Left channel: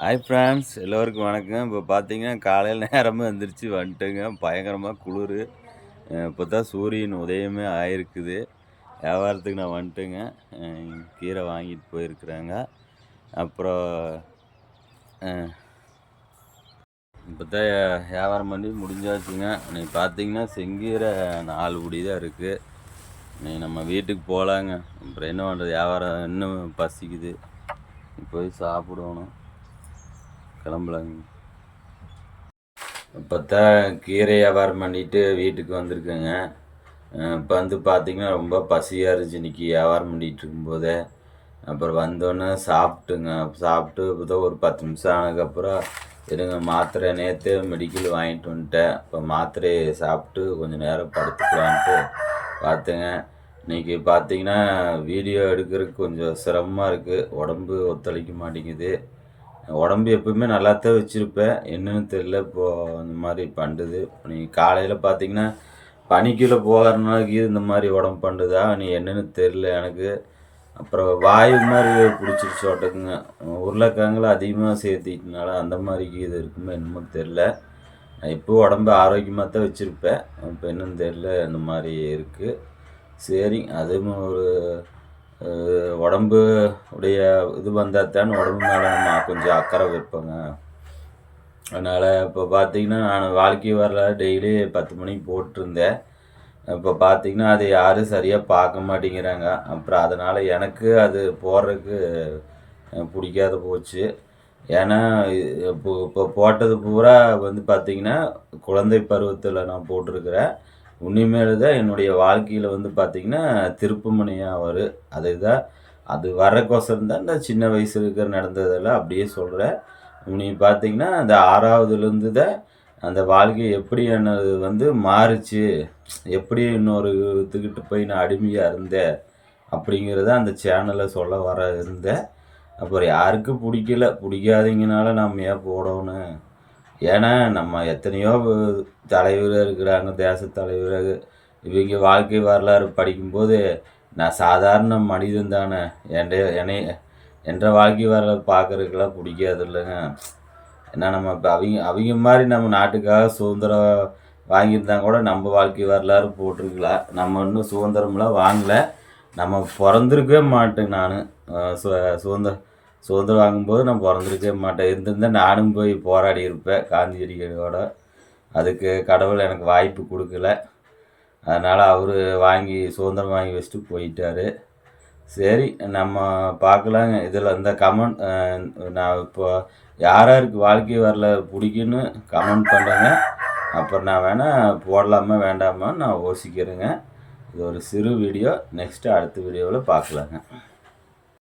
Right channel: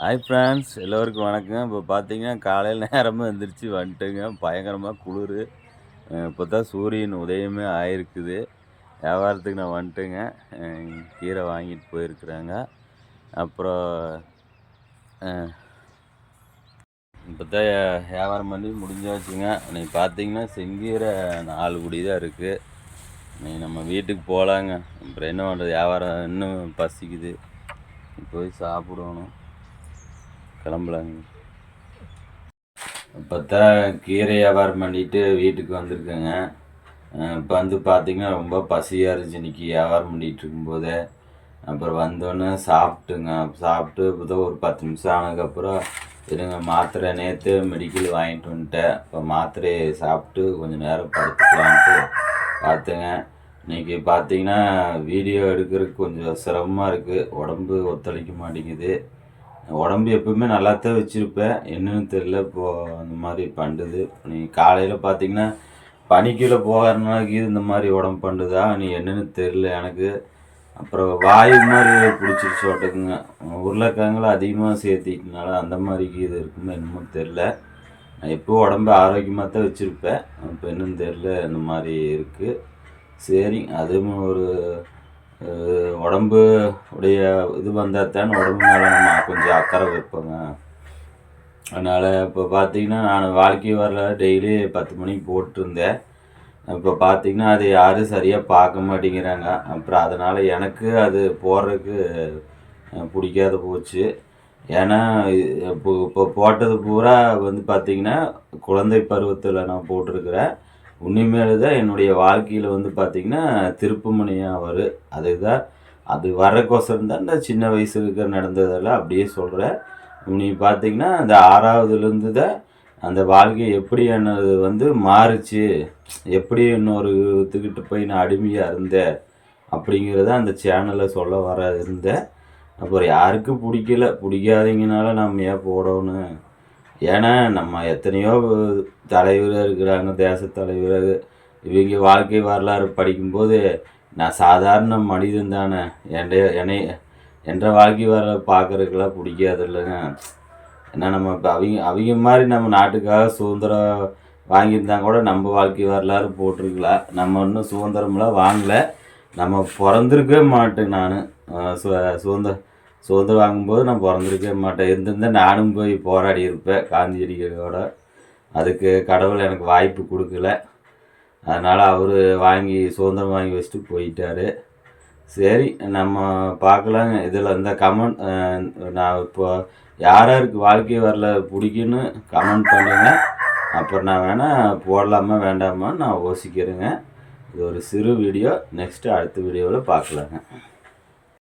Hi friends எல்லோருக்கும் வணக்கம் இப்போ பார்த்தீங்கன்னா காலையில் நேரமாக எந்திரிச்சு வந்துட்டுங்க. பயங்கரமாக குளிர். இப்போ தான் சூரியன் உதயமே ஆயிருக்குது. வியாபாரத்துக்கு நான் வந்துட்டுங்க. கீரை வாங்கிட்டு போயிருக்கிறாங்க. அப்புறம் இப்போ தான் வியாபாரம் பண்ணி முடிஞ்சாச்சுங்க. இன்னைக்கு பார்த்தீங்கன்னா செங்கீரை நாலு குடி தான் இருக்குது இன்னைக்கு நம்ம வீட்டுக்கு போகலாங்க அப்புறம் என்ன பண்ணுறது வியாபாரம் இன்னும் பசிக்குது. போய் சாப்பிடணும். கிளம்பலாங்க இப்போ தான் கீரை வியாபாரம் பண்ணிட்டு வீட்டுக்கு வந்திருக்கேங்க. இப்போ வந்து பார்த்திங்கன்னா ரொம்ப பசியாக இருந்துச்சு இன்றைக்கி வியாபாரம் பண்ணிகிட்டு இருக்கும்போதே. அப்புறம் வந்தோன்னே சாப்பிட்டுங்க. சாப்பிட்டு இப்போ தான் ஒரு பத்து நிமிஷம் ஆனதுக்கப்புறம் இருங்க மாத்திரை நேற்று மெடிக்கல் வாங்கிட்டு வந்துட்டேன். இப்போ மாத்திரையை சாப்பிட்டு கொஞ்சம் நேரம் படுத்துக்கலான்ட்டு பார்த்தேங்க இன்றைக்கி பார்த்தீங்கன்னா வீடியோ எடுக்கிறதுக்கு கொஞ்சம் சிரமமாக இருக்குது உடம்பு ஒத்துழைக்க மாட்டேங்குது. உடம்பு எப்பவுமே நல்லா தான் வச்சுருப்பேன். என்னன்னு தெரில இப்போது அந்த மாதிரி பண்ணுது நீ காலையில் பார்த்தீங்கன்னா பனிக்குள்ளே போகிறனாக்கி இந்த மாதிரி உடம்பு பண்ணுதா நீ என்னென்னு தெரில எனக்கு. அப்புறம் வாயு மாதிரி பிடிச்சிருச்சு ஓட்டக்குங்க. உருளைக்கிழங்குல அதிகமாக சேர்த்திட்டனால அந்த மாதிரி இது இருக்குமோ என்னமோ தெரில நான் எப்போ உடம்பு ஆரோக்கியமாக தான் வச்சுருப்பேன். இப்போ என்னன்னு தெரில இந்த மாதிரி இருக்குது சரி அதுவும் ஒரு உடம்பு உடைய இது வந்தால் தான் உடம்பு மேலே நம்ம கொஞ்சம் அக்கறை வைப்போங்க. அதனால் இப்போ பார்த்தீங்கன்னா நான் வாழ்க்கை வரல டெய்லி பத்து மணிக்கு போட்டிருந்தேன். இப்போ பார்த்தீங்கன்னா அது யாரும் சரியாக பார்க்க மாட்டேங்கிறாங்க. அப்புறம் அதனால் எனக்கு அது போடுறதுக்கு பிடிக்காத போச்சு. ஏன்னா இப்போ இப்போ போட்டது பூரா வந்து பார்த்தீங்கன்னா குழந்தை பருவத்தில் நான் போட்டிருக்கிறேன். உண்மையிலே தான் என்னுடைய வாழ்க்கையில் வந்து பார்த்திங்கன்னா திருப்புமுனையாக அவர். அதுதான் அது வரக்கோசரம் தான் இந்த சின்ன வயசு இருக்கிற நடந்ததெல்லாம் அப்படியே சொல்கிறேன் நீ பார்த்தீங்கன்னா அந்த ஆறாவதுலேருந்து தான் அந்த வாழ்க்கை எப்படி என்னது வந்து மாறுச்சு. எப்படி இன்னொரு இதுக்கிட்ட போய் நான் அடிமையாக இருந்தேன் அப்படிங்கிறத அந்த சேனலில் சொல்ல வர இருந்தேன். அப்புறம் யாருக்கும் பிடிக்கல? பிடிக்காதீங்கனால நம்ம ஏன் போடணும்? ஏன்னா நம்ம எத்தனையோ தலைவர் இருக்கிறாங்க தேச தலைவராக இவங்க வாழ்க்கை வரலாறு படிக்கும்போது நான் சாதாரண மனிதன் தானே. என் என்னை என்ற வாழ்க்கை வரலாறு பார்க்குறதுக்கெல்லாம் பிடிக்காது இல்லைங்க ஏன்னா நம்ம இப்போ அவங்க அவங்க மாதிரி நம்ம நாட்டுக்காக சுதந்திரம் வாங்கியிருந்தா கூட நம்ம வாழ்க்கை வரலாறு போட்டிருக்கலாம் நம்ம இன்னும் சுதந்திரம்லாம் வாங்கலை. நம்ம பிறந்திருக்கவே மாட்டேன் நான். சு சுதந்திரம் சுதந்திரம் வாங்கும்போது நான் பிறந்திருக்கவே மாட்டேன். இருந்திருந்தால் நானும் போய் போராடி இருப்பேன் காந்தியடிகளோட அதுக்கு கடவுள் எனக்கு வாய்ப்பு கொடுக்கல. அதனால் அவர் வாங்கி சுதந்திரம் வாங்கி வச்சுட்டு போயிட்டாரு. சரி நம்ம பார்க்கலாங்க. இதில் இந்த கமெண்ட் நான் இப்போ யார் யாருக்கு வாழ்க்கை வரல பிடிக்குன்னு கமெண்ட் பண்ணுங்க. அப்புறம் நான் வேணால் போடலாமா வேண்டாமான்னு நான் யோசிக்கிறேங்க. இது ஒரு சிறு வீடியோ நெக்ஸ்ட்டு அடுத்த வீடியோவில் பார்க்கலாங்க.